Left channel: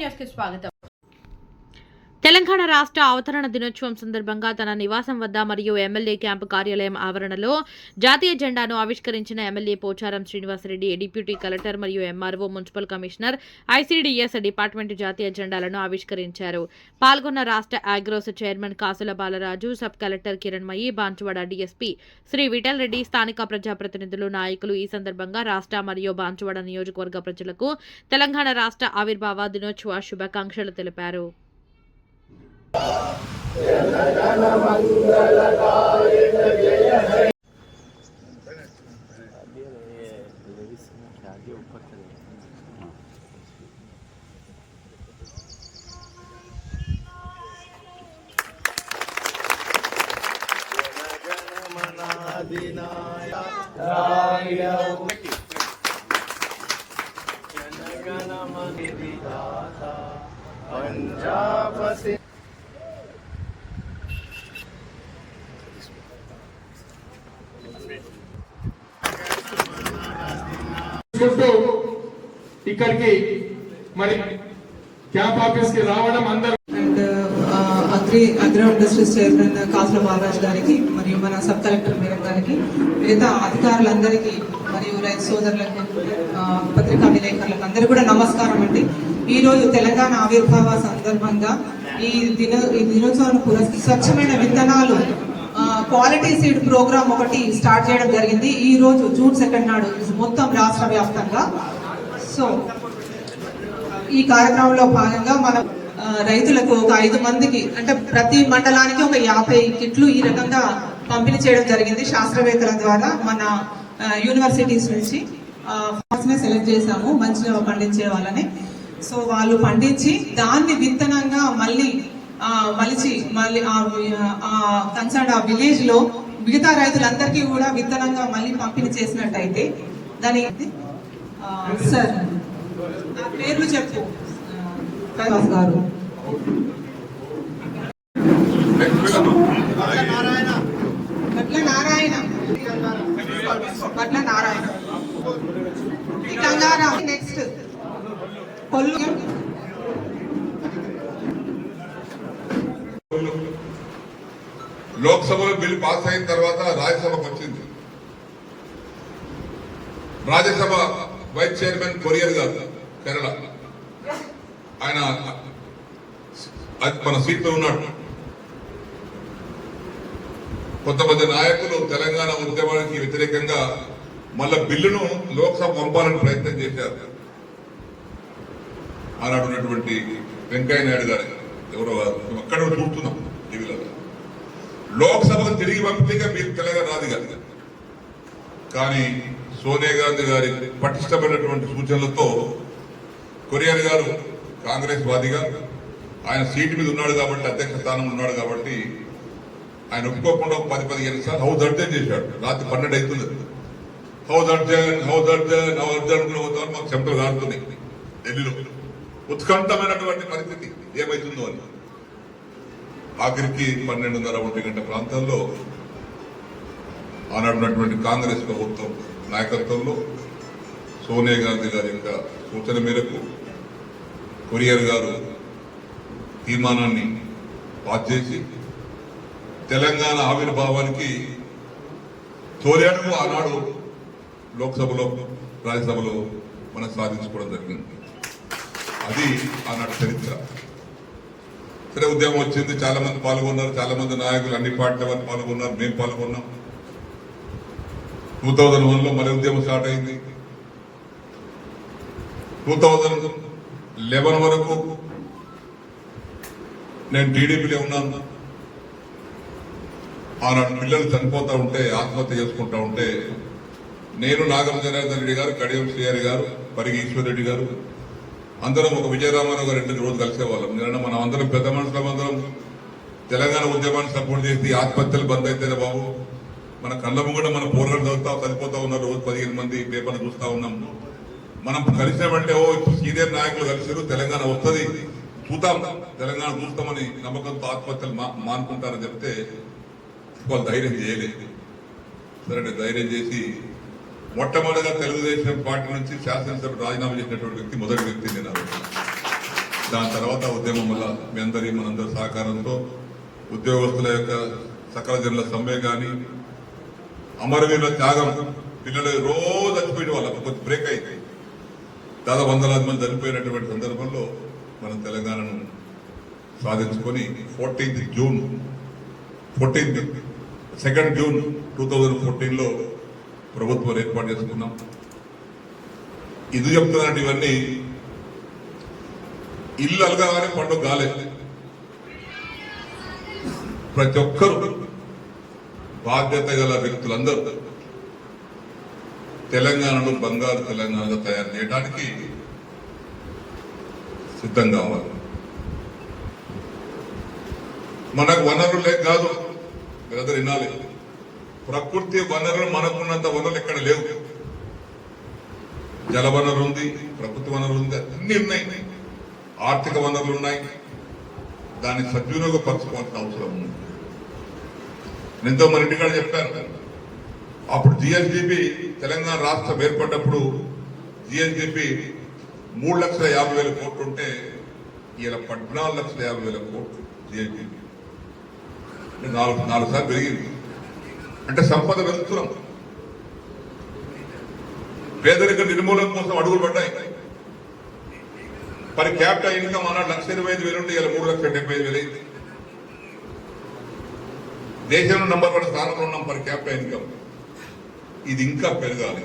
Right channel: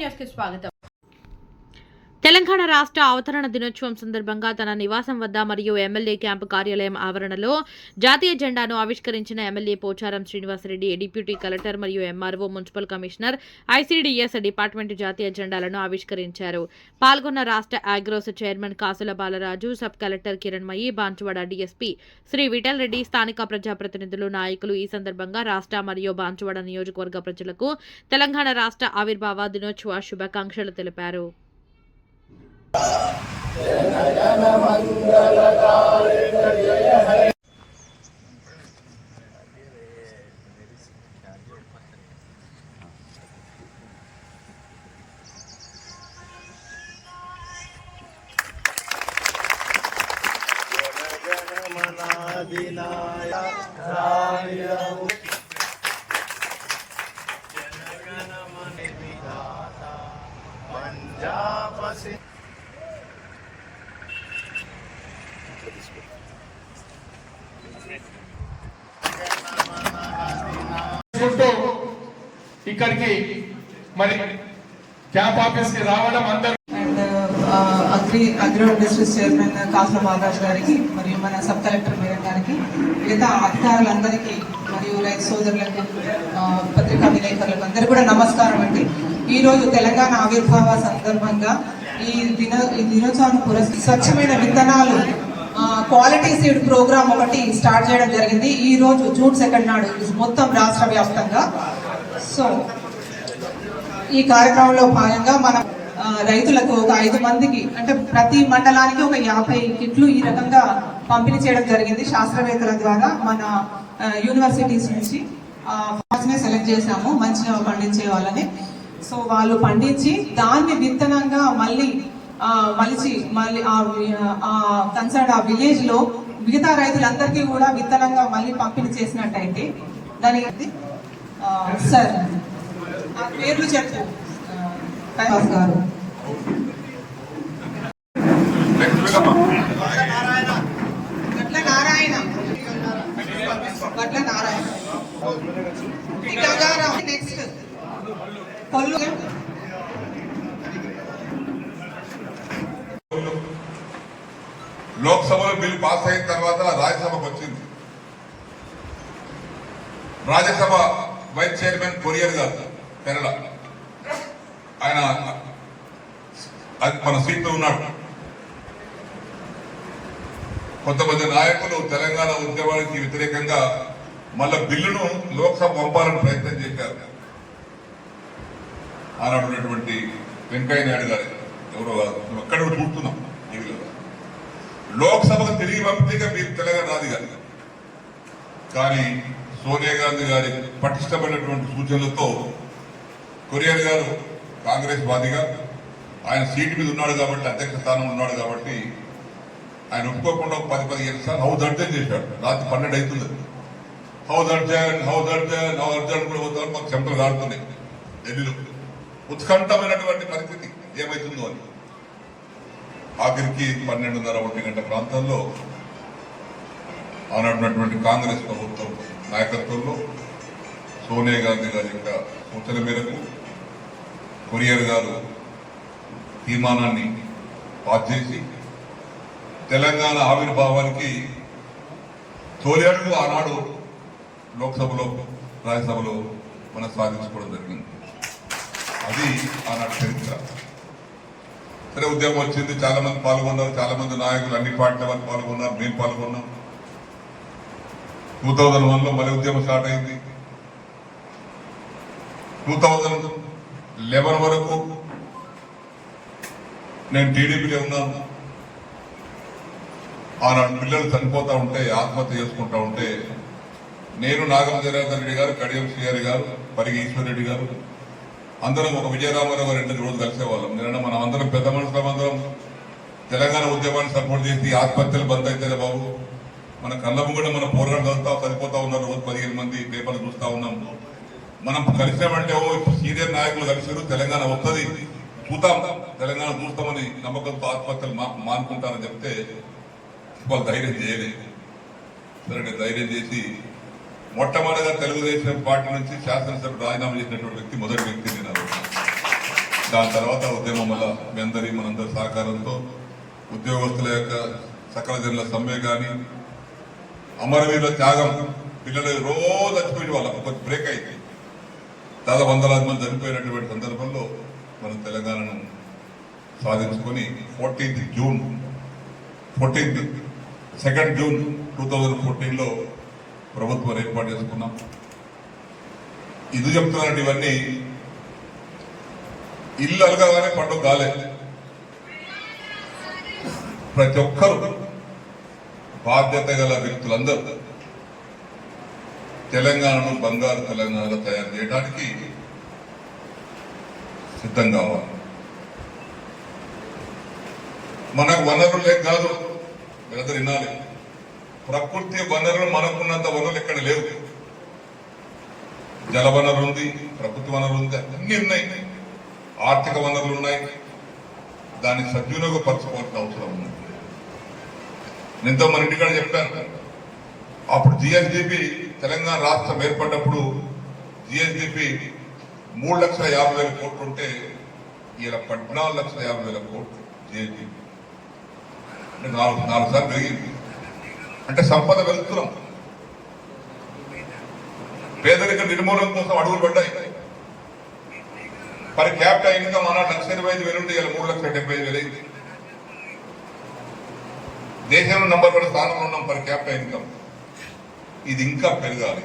años que su Telangana రాష్ట్ర అవతరణ దినోత్సవం సందర్భంగా తన నివాసం వద్ద మరియు ఎమ్మెల్యే క్యాంపు కార్యాలయం ఆవరణలో జాతీయ జెండాను ఆవిష్కరించిన MLA Pocharam Srinivasareddy deputy collector మరియు MRO municipal commissioner ICDS department జాతీయ జెండాలను ఆవిష్కరించారు. పాల్గొన్న రాష్ట్ర Agros chairman Kasula Balaraju sub collector Kiranmayi Banswada DSP Shri Vithal Reddy స్థానిక ప్రజాప్రతినిధులు నాయకులు ఈ సందర్భంగా రాష్ట్ర మరియు బాన్చువాడ నియోజకవర్గ ప్రజలకు తెలంగాణ రాష్ట్ర ఆవిర్భావ దినోత్సవ శుభాకాంక్షలు తెలిపారు. जनगण मनिदाता पञ्चापसि చుట్టూ ఇక్కడికి మరి క్యాంప్ ఆఫీస్కి రావడం అందరూ and agri agro industries chairman Kasula Balaraju గారికి మరియు మన సబ్ కలెక్టర్ మేయర్ గారికి మిగతా అధికారులందరికీ మరియు రైతు సోదరులకు పత్రికా విలేకరులకు అందరూ కూడా నమస్కారం అండి. ఈ రోజు తెలంగాణ ఆవిర్భావ సందర్భంగా ఈ దిన ఈ దినోత్సవాన్ని పురస్కరి స్వచ్ఛమైన విత్తనాలు క్వాలిటీ సీడ్ ప్రోగ్రామ్ ఒకటి స్టార్ట్ చేయడం జరిగింది. ఈ రోజు జూన్ సెకండ్ నాడు మొత్తం రాష్ట్ర వ్యాప్తంగా. సో ఈ కార్యక్రమంలో భాగంగా మనం రైతులకు ఒక ఐదు మందికి అంటే ప్రతి మండలానికి ఒక యాభై కిట్లు ఈ రకంగా పంపిణీ చేయడం జరిగింది శాస్త్రవేత్తల ద్వారా మన యూనివర్సిటీస్ నుంచి. ఫార్మ్స్ సెలెక్ట్ చేశాము మంచిగా పండించే వాళ్ళని. సో వాళ్ళు పండించి దాన్ని విత్తనంగా మళ్ళీ మలిచి మళ్ళీ ఆ కన్సర్డ్ ఆ విలేజ్లో మిగతా రైతులందరికీ కూడా విత్తనంగా మళ్ళీ పంపిణీ చేసినట్టయితే దానికి సార్ ఆ పేర్లు చెప్పు. కైలాస్ గారు. గట్ల నారాయణ గట్ల నారాయణ ఈ నెక్స్ట్ కొల్లు. లోక్సభలో బిల్ పాస్ అయిన తర్వాత రాజ్యసభకు వచ్చింది. రాజ్యసభ వైస్ చైర్మన్ కొరియర్ గారు కేరళ. ఆయన అది మన సీట్లో ఉన్నాడు. కొంతమంది నాయకులు తెలంగాణ ఉద్యమానికి వ్యతిరేకంగా మళ్ళా బిల్లును లోక్సభ పంపాలని ప్రయత్నం చేశారు. ఆనాడు ఉన్నటువంటి వెంకయ్య నాయుడు గారు ఎవరో అక్కడ చూస్తున్నాం టీవీలో లోక్సభకు తిరిగి పంపితే మీరు తెలంగాణ రాదు కాదు కానీ సోనియా గాంధీ గారి పటిష్టమైనటువంటి సూచనలతో కొరియర్ గారు కాంగ్రెస్ వాదిగా ఆయన సీటు మీద ఉన్నాడు కాబట్టి అధ్యక్ష స్థానంలో ఉన్నాడు కాబట్టి ఆయన ఒప్పుకోకుండా ఒక పది పదిహేను సార్లు హౌస్ అర్జన్ చేశాడు? రాత్రి పన్నెండు అవుతుంది. House arrest house arrest house arrest కూడా పోతారు మాకు చెంపలు కాడుతున్నాయి ఢిల్లీలో. ఉత్కంఠమైనటువంటి పరిస్థితి ఏమైతుందో అని. ఆఖరికి పన్నెండున్నర ఒంటి గంట ప్రాంతంలో ఆనాడున్నటువంటి కాంగ్రెస్ ప్రభుత్వం నాయకత్వంలో సోనియా గాంధీ గారి యొక్క సూచన మేరకు కొరియర్ గారు తీర్మానాన్ని పాస్ చేసి తెలంగాణ ఆవిర్భావానికి తోలేడు ఆనాడు లోక్సభలో రాజ్యసభలో మనం సాధించుకోవడం జరిగింది. అది ఆనాడు చరిత్ర. సరే ఉద్యమం వచ్చింది చాలా మంది పాల్గొన్నారు చాలా మంది నాయకులు అన్ని పార్టీల వారు పాల్గొన్నారు మేము పాల్గొన్నాం. టూ థౌజండ్ వన్లో మళ్ళీ ఉద్యమం స్టార్ట్ అయింది. టూ థౌజండ్ లెవెన్ వరకు నేను టీడీపీలో ఉన్నాను. ఆనాడు పిల్లలు చనిపోతూ ఉంటే ఆత్మహత్య చేసుకుంటా ఉంటే నేను నాగం రెడ్డి గారు కడియం శ్రీహరి గారు పరిగి ఈశ్వర్ రెడ్డి గారు అందరం ఒక విజయరామారావు గారు రెండు రోజులు కలిసేవాళ్ళం. నిన్న మనం అందరం పెద్ద మనుషులందరం తెలంగాణ ఉద్యమాన్ని సపోర్ట్ చేసి ఆత్మహత్యలు బంద్ అయితేనే బాబు. మన కళ్ళము కూడా మన పోరాటం చదువుతా చనిపోతా ఉన్నారు రోజు పదిహేను మంది పేపర్లు చూస్తా ఉన్నాం. మనం కలిసామంటే ఓ సీనియర్ నాయకులు కలిసారు తెలంగాణ వస్తుంది. చూద్దాం. తెలంగాణ చూస్తామని నమ్మకంతో ఆత్మహత్యలు మానుకుంటారని చెప్తే వాళ్ళు ధైర్యం చేయలేదు. సరే ధైర్యం చేసి మొట్టమొదటిగా తెలుగుదేశం పార్టీ నుంచి శాసనసభ రాజీనామా చేసినటువంటి వ్యక్తి మొదటి వ్యక్తి నేను దాని తర్వాత ఉద్యమం వల్ల మీ అందరి మనందరి సహకారంతో ఉద్యోగస్తుల యొక్క సకల జనుల సమ్మె కానీ అమరవీరుల త్యాగం పిల్లలు రోజు చచ్చిపోయిన వాళ్ళ. కొంచెం బ్రేక్ అయింది. దాదాపు వందలాది మంది చనిపోయినటువంటి సందర్భంలో మనం తెలంగాణను సాధించుకొని fourteenth June fourteenth second June two thousand ఫోర్టీన్లో ప్రభుత్వం ఏర్పాటు చేసుకున్నాం. ఇది చెప్తున్నానంటే ఇవన్నీ ఇల్లు అలగాలనే పండుగ కాలేదు ప్రతి ఒక్కరు బాధ్యత గల వ్యక్తులందరూ తెలంగాణను బంగారు తెలంగాణగా తయారు చేయడానికి సిద్ధం కావాలి మనకు వనరులు లేక కాదు మీరందరూ వినాలి ప్రకృతి వనరులు మనకున్నంత వనరులు ఎక్కడ లేవు. జల వనరు ఉంది ప్రకృతి వనరు ఉంది అన్ని ఉన్నాయి. ఆర్థిక వనరులు ఉన్నాయి. దాన్ని సద్వినియోగపరచుకోవాల్సిన అవసరం ఉంది. ఎంతో మన ఇంటికాడ చెప్పాను. అప్పుడు జిఎస్డిపి తెలంగాణ రాష్ట్రం ఏర్పడ్డప్పుడు జిఎస్డిపి మూడు లక్షల యాభై వేల కోట్లు ఉంటే ఇలా పద్నాలుగు లక్షల యాభై వేల కోట్లు జిఎస్డిపి. నాలుగు నాలుగు సార్లు పెరిగింది. అంటే సంపద పెంచుతున్నాం పేదరిక నిర్మూలన కోసం అడుగులు పడ్డాయి. మరి క్యాపిటల్ ఇన్కమ్ అన్నాడు లక్ష ఇరవై ఐదు వేలు ఉంటే ఇలా మూడు లక్షల డెబ్బై ఐదు వేలు దేశంలో నంబర్ వన్ స్థానంలో ఉన్నాం పర్ క్యాపిటల్ ఇన్కమ్. ఇది ఇంకా పెరగాలి.